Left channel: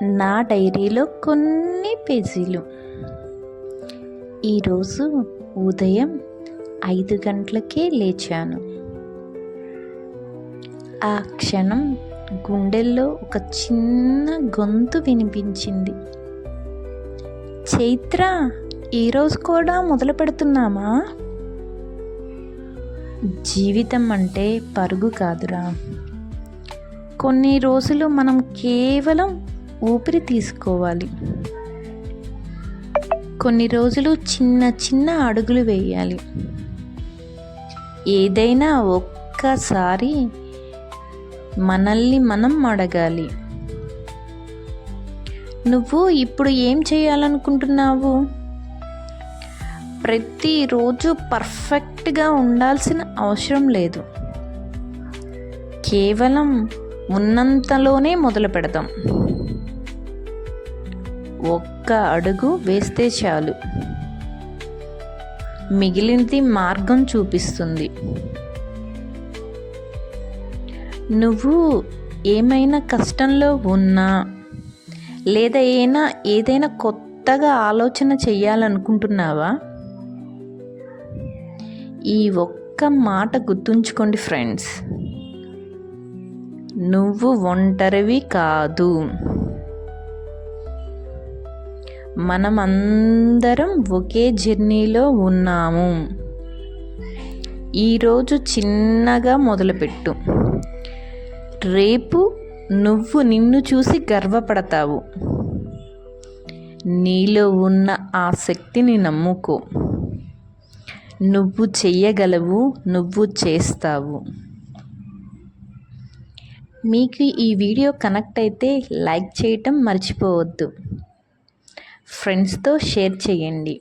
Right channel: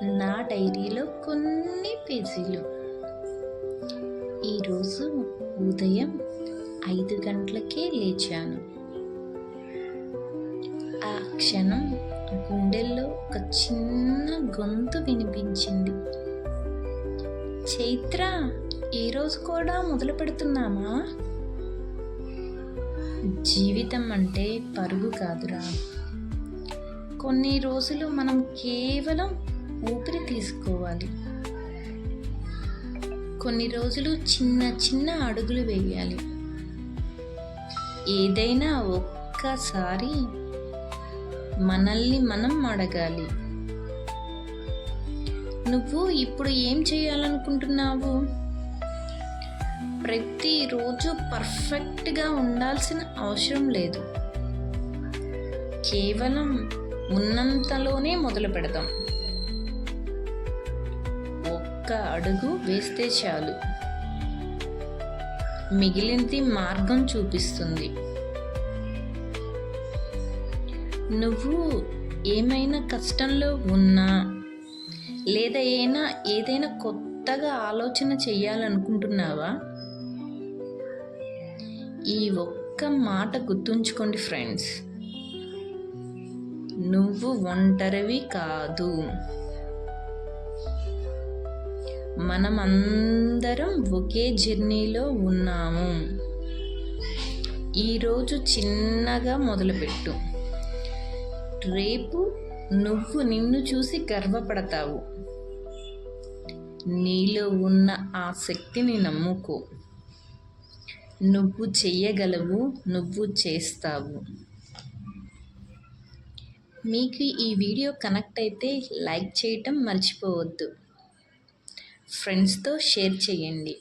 నా డైరీలో కొన్ని పేజీలు. ఈరోజు ఉదయం 5 గంటలకే లేచాను. ఆ క్షణం గుండెల్లో ఒక చిన్న గొంతు వినిపించింది. చైత్ర, ఈరోజు కూడా మొదలు పెడుతున్నామా? జీవితం అంటే పరుగు కాదురా. కొన్ని రోజులు మనం కేవలం ఊపిరి తీసుకోవాలి. కొన్ని రోజులు చిన్న చిన్న అడుగులు వేయాలి. ఏదైనా ఒక్కసారి మనల్ని మనం అడగాలి, నువ్వు ఇప్పుడు ఏం చేయాలనుకుంటున్నావు? ప్రతిరోజు పర్ఫెక్ట్గా ఉండాల్సిన అవసరం లేదు. కేవలం ఉన్నంతలోనే మొదలు పెడదాం. ఒక్క అడుగు వేస్తే చాలు, మిగిలినది మార్గం చూపిస్తుంది. నువ్వు ఏమైనా కష్టంలో ఉన్నా లేదా ఏదైనా కొత్తగా ఆలోచన చేయాలనుకుంటున్నావా? ఈ ఒక్క మాట గుర్తుంచుకోండి ఫ్రెండ్స్, నువ్వు ఒంటరివి కాదు. మనమందరం ఒకే జర్నీలో ఉన్నాము. ఈరోజు చిన్నగా మొదలుపెట్టు. రేపు నువ్వు నిన్ను చూసి గర్వపడతావు. నీలో ఉన్న ఆ శక్తిని నమ్ముకో. నువ్వు చెయ్యగలవు, నువ్వు చేస్తావు. మీకు ఈ వీడియో కనెక్ట్ అయితే లైక్ చేయటం మర్చిపోవద్దు. ఫ్రెండ్స్తో షేర్ చేయండి.